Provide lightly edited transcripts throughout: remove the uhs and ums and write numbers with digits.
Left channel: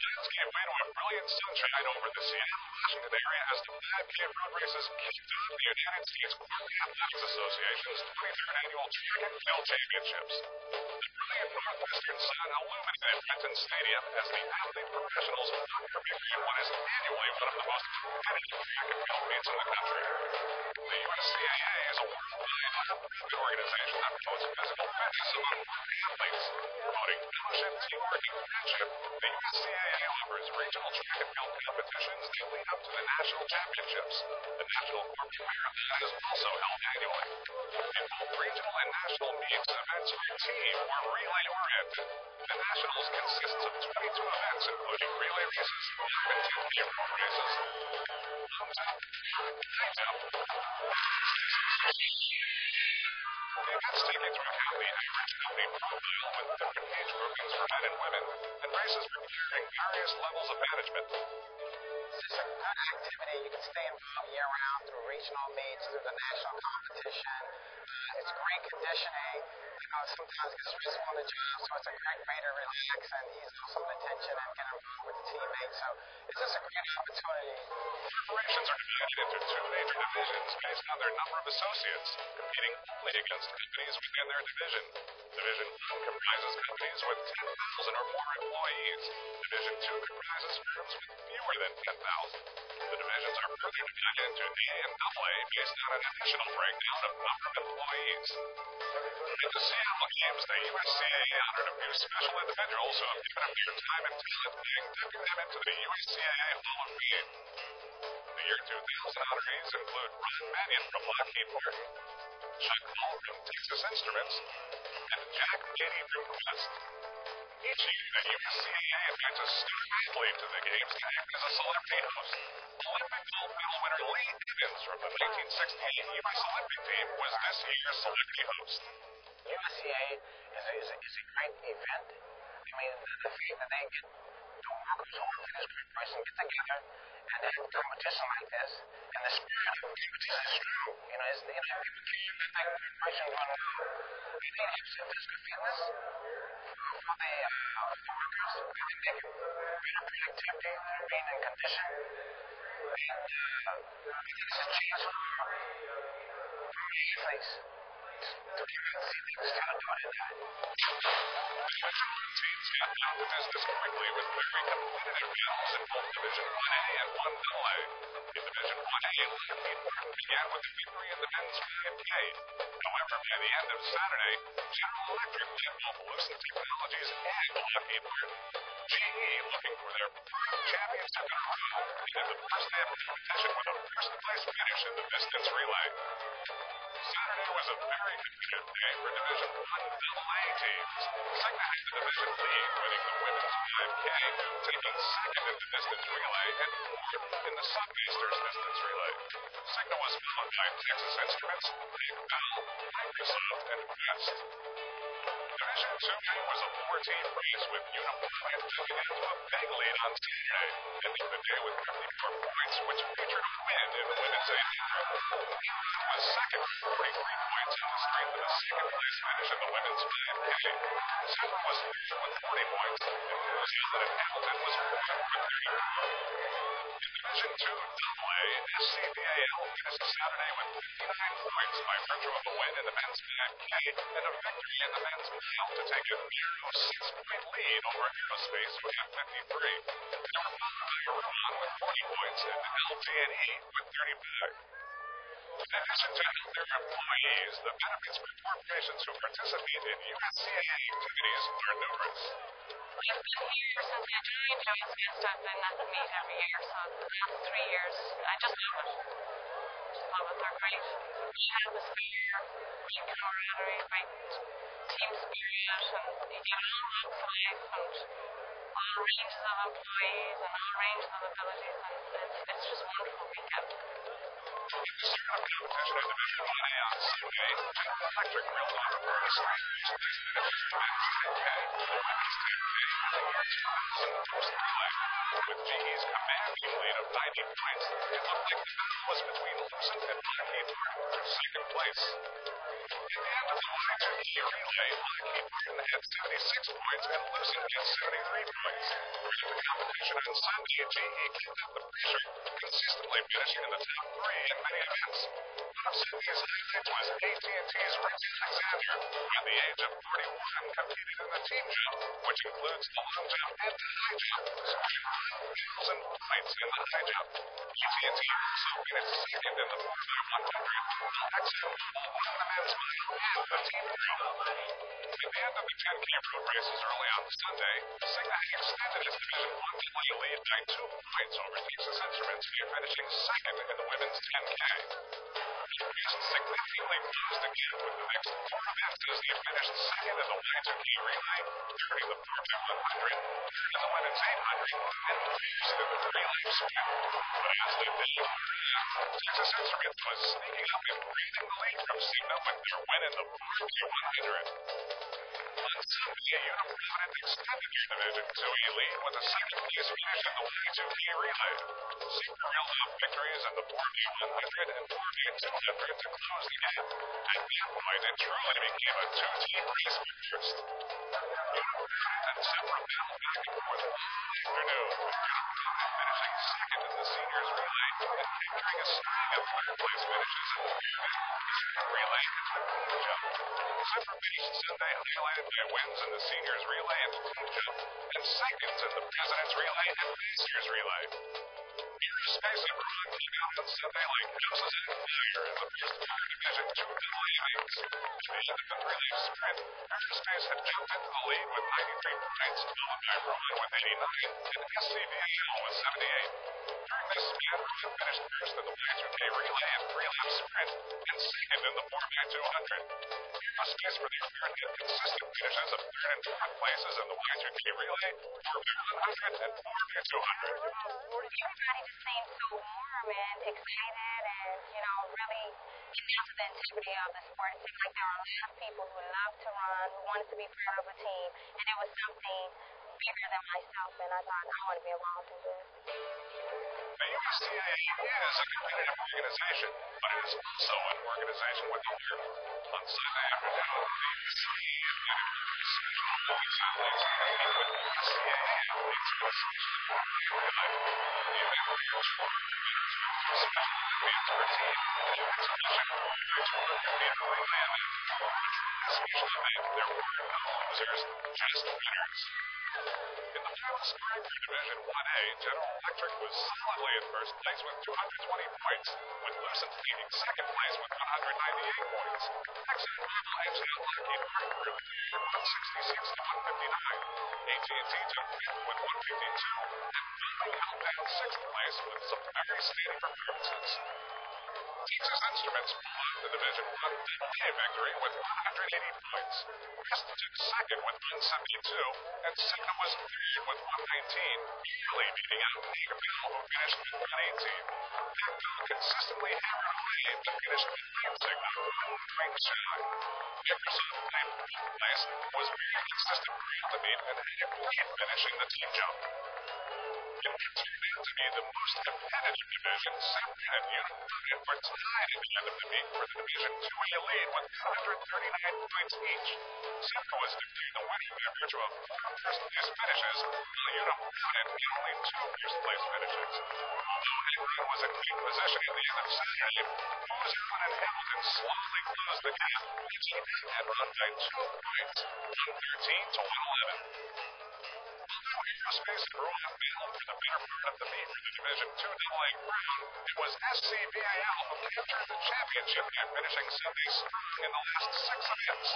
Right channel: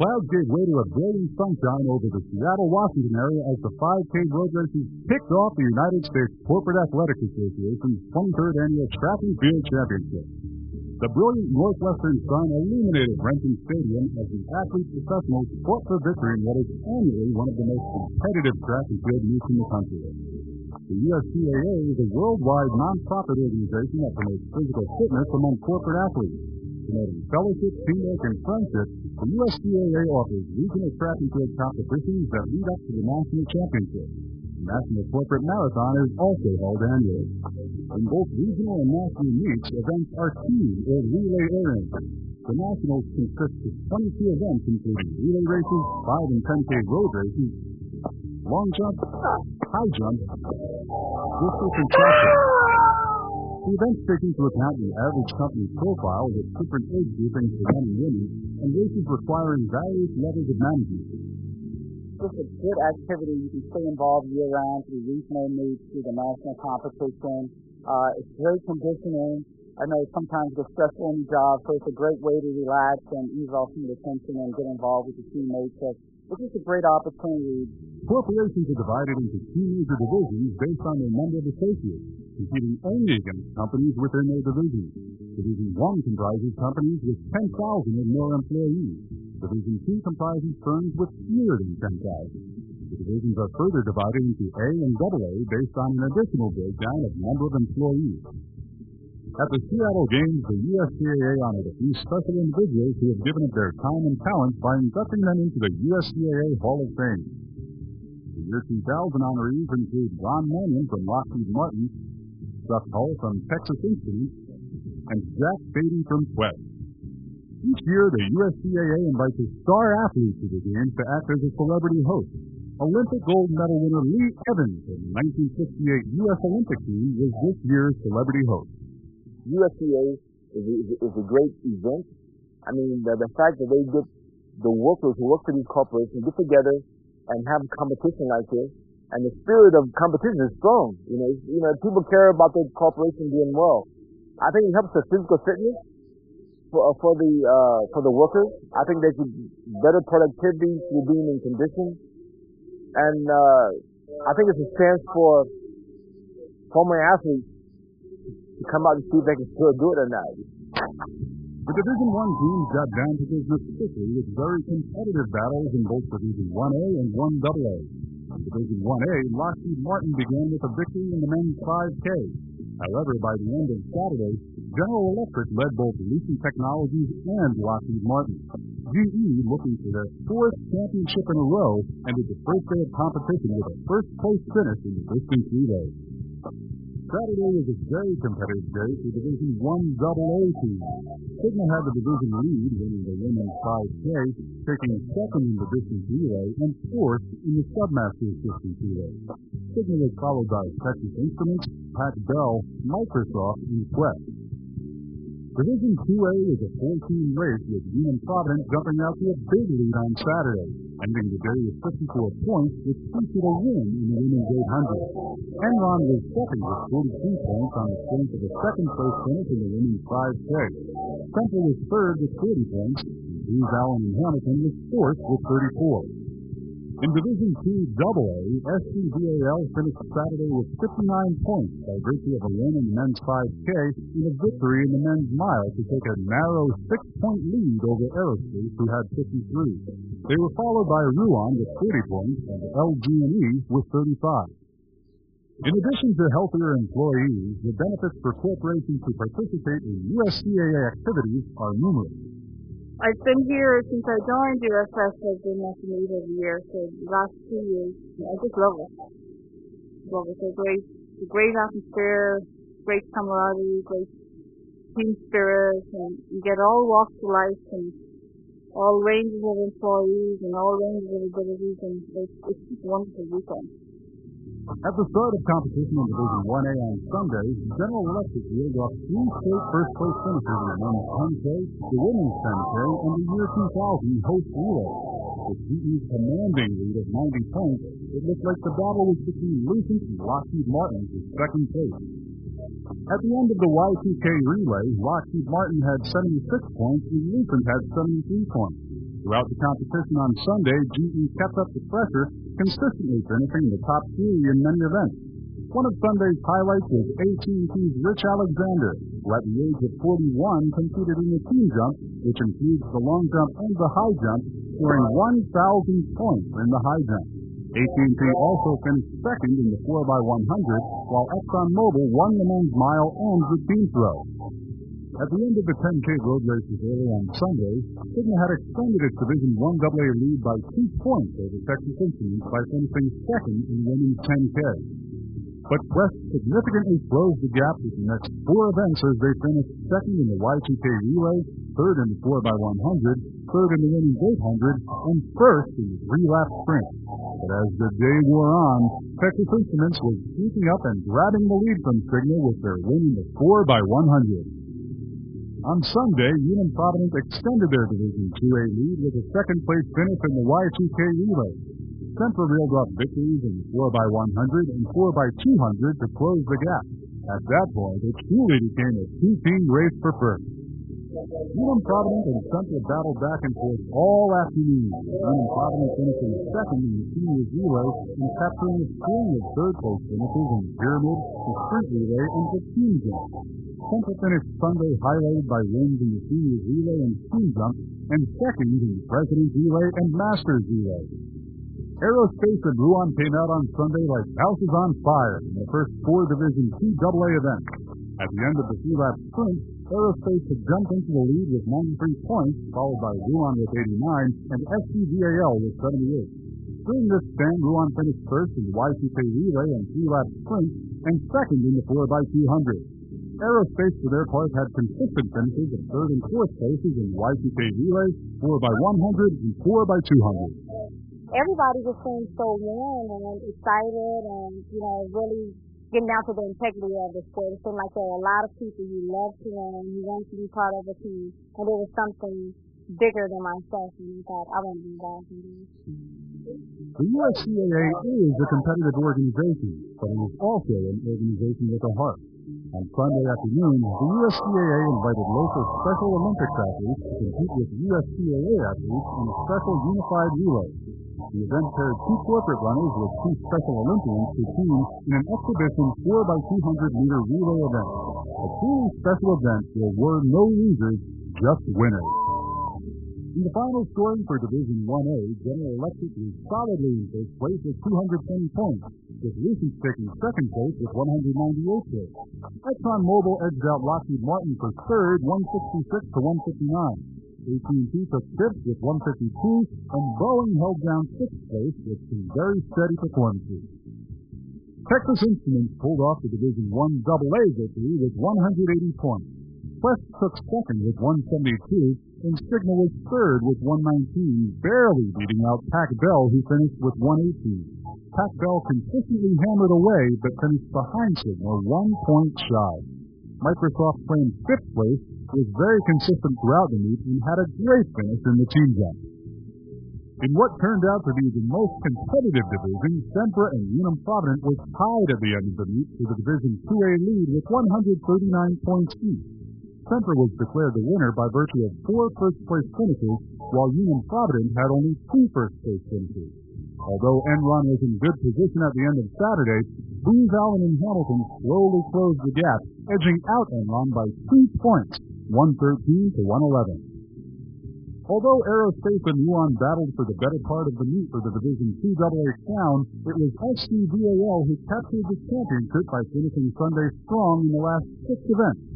Clouds gave way to a brilliant sunshine over the Seattle, Washington area as the 5K road races kicked off the United States Corporate Athletics Association's 23rd Annual Track and Field Championships. The brilliant northwestern sun illuminated Renton Stadium as the athlete professionals fought for victory in what is annually one of the most competitive track and field meets in the country. The USCAA is a worldwide nonprofit organization that promotes physical fitness among corporate athletes. Promoting fellowship, teamwork, and friendship, the USCAA offers regional track and field competitions that lead up to the national championships. A national corporate marathon is also held annually. In both regional and national meets, events are team or relay oriented. The nationals consists of 22 events including relay races, 5 and 10K road races, long jump, high jump, discus, and shot put. The events take into account the average company profile with different age groupings for men and women and races requiring various levels of management. It's just a good activity. You can stay involved year-round through regional meets, through the national competition. It's great conditioning. I know sometimes it gets stressful in the job, so it's a great way to relax and ease off some of the tension and get involved with the teammates. So it's just a great opportunity. Corporations are divided into 2 major divisions based on their number of associates, competing only against companies within their division. Division 1 comprises companies with 10,000 or more employees. Division 2 comprises firms with fewer than 10,000. The divisions are further divided into A and AA based on an additional breakdown of number of employees. At the Seattle Games, the USCAA honored a few special individuals who have given of their time and talent by inducting them into the USCAA Hall of Fame. The year 2000 honorees include Ron Mannion from Lockheed Martin, Chuck Hull from Texas Instruments, and Jack Beatty from Quest. Each year, the USCAA invites a star athlete to the Games to act as a celebrity host. Olympic gold medal winner Lee Evans from the 1968 U.S. Olympic team was this year's celebrity host. USCAA is a great event. I mean, the fact that they get the workers who work for these corporations get together and have a competition like this, and the spirit of competition is strong. People care about their corporation doing well. I think it helps the physical fitness for the workers. I think they can better productivity through being in condition, and I think it's a chance for former athletes to come out and see if they can still do it or not. The Division 1 teams got down to business quickly with very competitive battles in both Division 1A and 1AA. In Division 1A, Lockheed Martin began with a victory in the men's 5K. However, by the end of Saturday, General Electric led both Lucent Technologies and Lockheed Martin. GE, looking for their 4th championship in a row, ended the first day of competition with a first-place finish in the distance relay. Saturday was a very competitive day for Division 1AA teams. Cigna had the division lead, winning the women's 5K, taking 2nd in the distance relay and 4th in the Submasters distance relay. Cigna was followed by Texas Instruments, Pac-Bell, Microsoft, and Quest. Division 2A was a 4-team race with Unum Provident jumping out to a big lead on Saturday, ending the day with 54 points, which featured a win in the women's 800. Enron was 2nd with 43 points on the strength of a 2nd-place finish in the women's 5K. Sempra was 3rd with 40 points, and Booz Allen and Hamilton was 4th with 34. In Division 2AA, SCVAL finished Saturday with 59 points by virtue of a win in the men's 5K and a victory in the men's mile to take a narrow 6-point lead over Aerospace, who had 53. They were followed by Ruan with 40 points and LG&E with 35. In addition to healthier employees, the benefits for corporations who participate in USCAA activities are numerous. I've been here since I joined US West. I've been at the meet every year, so the last 3 years, I just love it. Just love it. They're great. It's a great atmosphere, great camaraderie, great team spirit, and you get all walks of life and all ranges of employees and all ranges of abilities, and it's just a wonderful weekend. At the start of competition in Division 1A on Sunday, General Electric reeled off 3 straight first-place finishes in the men's 10K, the women's 10K, and the year 2000 host relay. With GE's commanding lead of 90 points, it looked like the battle was between Lucent and Lockheed Martin for 2nd place. At the end of the Y2K relay, Lockheed Martin had 76 points and Lucent had 73 points. Throughout the competition on Sunday, GE kept up the pressure, consistently finishing in the top 3 in many events. One of Sunday's highlights was AT&T's Rich Alexander, who at the age of 41 competed in the team jump, which includes the long jump and the high jump, scoring 1,000 points in the high jump. AT&T also finished second in the 4x100, while ExxonMobil won the men's mile and the team throw. At the end of the 10K road races early on Sunday, Cigna had extended its Division I AA lead by 2 points over Texas Instruments by finishing second in the women's 10K. But Quest significantly closed the gap with the next 4 events as they finished second in the Y2K relay, third in the 4x100, third in the women's 800, and first in the 3-lap sprint. But as the day wore on, Texas Instruments was sneaking up and grabbing the lead from Cigna with their win in the 4x100. On Sunday, Unum Provident extended their Division IIA lead with a second-place finish in the Y2K relay. Sempra reeled off victories in the 4x100 and 4x200 to close the gap. At that point, it truly became a 2-team race for first. Unum Provident and Sempra battled back and forth all afternoon, with Unum Provident finishing second in the seniors relay and capturing a string of third-place finishes in the pyramid, the sprint relay, and the team jump. Sempra finished Sunday highlighted by wins in the seniors relay and team jump, and seconds in the president's relay and masters relay. Aerospace and Ruan came out on Sunday like houses on fire in the first 4 Division IIA events. At the end of the 3-lap sprint, Aerospace had jumped into the lead with 93 points, followed by Ruan with 89 and SCVAL with 78. During this span, Ruan finished first in the Y2K relay and 3-lap sprint and second in the 4x200. Aerospace, for their part, had consistent finishes of 3rd and 4th places in the Y2K relay, 4x100, and 4x200. Everybody just seemed so warm and excited and, really getting down to the integrity of the sport. It seemed like there were a lot of people who loved to run, who wanted to be part of a team, and it was something bigger than myself, and I thought, I want to be involved in this. The USCAA is a competitive organization, but it is also an organization with a heart. On Sunday afternoon, the USCAA invited local Special Olympics athletes to compete with USCAA athletes in a special unified relay. The event paired 2 corporate runners with 2 Special Olympians per team in an exhibition 4x200-meter relay event. A truly special event, there were no losers, just winners. In the final scoring for Division IA, General Electric was solidly in first place with 220 points, with Lucent taking second place with 198 points. ExxonMobil edged out Lockheed Martin for third, 166 to 159. AT&T took fifth with 152, and Boeing held down sixth place with some very steady performances. Texas Instruments pulled off the Division I AA victory with 180 points. Quest took second with 172, and Cigna was third with 119, barely beating out Pac Bell, who finished with 118. Pac Bell consistently hammered away, but finished behind Cigna 1 point shy. Microsoft claimed fifth place, was very consistent throughout the meet, and had a great finish in the team jump. In what turned out to be the most competitive division, Sempra and Unum Provident were tied at the end of the meet for the Division IIA lead with 139 points each. Sempra was declared the winner by virtue of 4 first-place finishes, while Unum Provident had only 2 first-place finishes. Although Enron was in good position at the end of Saturday, Booz Allen and Hamilton slowly closed the gap, edging out Enron by 2 points, 113 to 111. Although Aerospace and Ruan battled for the better part of the meet for the Division IIA crown, it was SCVAL who captured the championship by finishing Sunday strong in the last 6 events.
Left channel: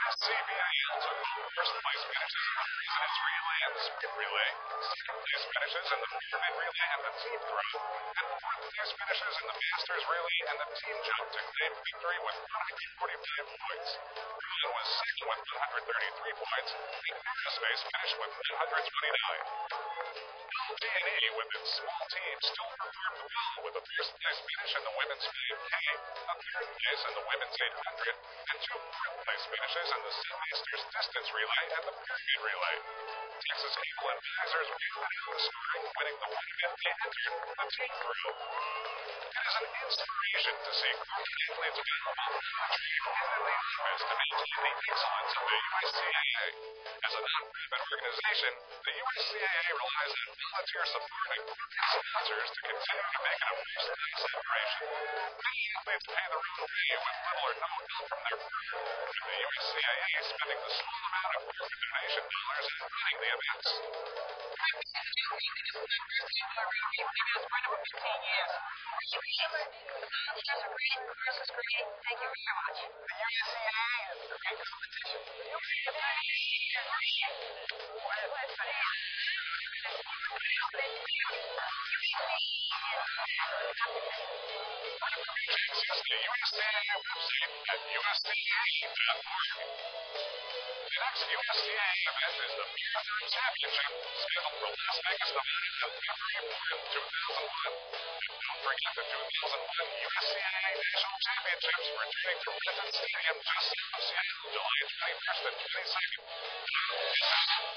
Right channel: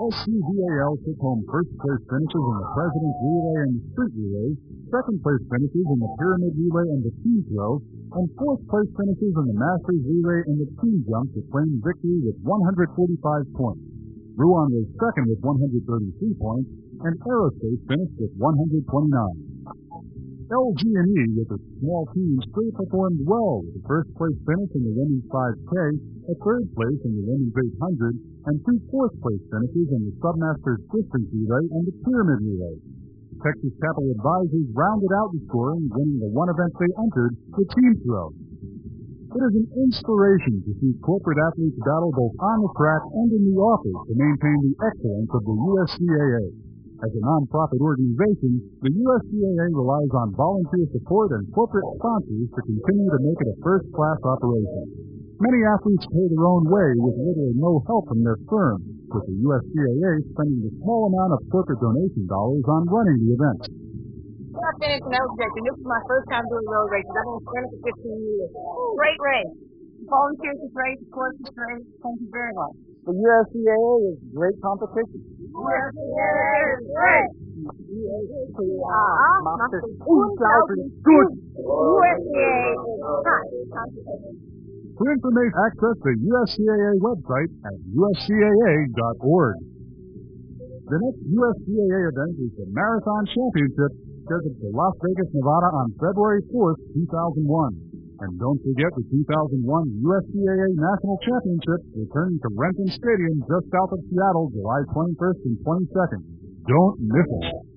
SCVAL took home first-place finishes in the President's Relay and the Sprint Relay, second-place finishes in the Pyramid Relay and the Team Throw, and fourth-place finishes in the Masters Relay and the Team Jump to claim victory with 145 points. Ruan was second with 133 points, and Aerospace finished with 129. LG&E, with its small team, still performed well with a first-place finish in the women's 5K, a third place in the women's 800, and 2 fourth-place finishes in the Submasters Distance Relay and the Pyramid Relay. Texas Capital Advisors rounded out the scoring, winning the one event they entered, the Team Throw. It is an inspiration to see corporate athletes battle both on the track and in the office to maintain the excellence of the USCAA. As a nonprofit organization, the USCAA relies on volunteer support and corporate sponsors to continue to make it a first-class operation. Many athletes pay their own way with little or no help from their firm, with the USCAA spending the small amount of corporate donation dollars on running the events. I finished, and that was a great thing. This was my first time doing road races. I've been a sprinter for 15 years. Great race. The volunteers are great. The course is great. Thank you very much. The USCAA is great competition. USCAA is great. USCAA macht es unglaublich gut. USCAA is hot competition. For information, access the USCAA website at uscaa.org. The next USCAA event is the Marathon Championship, scheduled for Las Vegas, Nevada on February 4th, 2001. And don't forget the 2001 USCAA National Championships returning to Renton Stadium just south of Seattle, July 21st and 22nd. Don't miss it.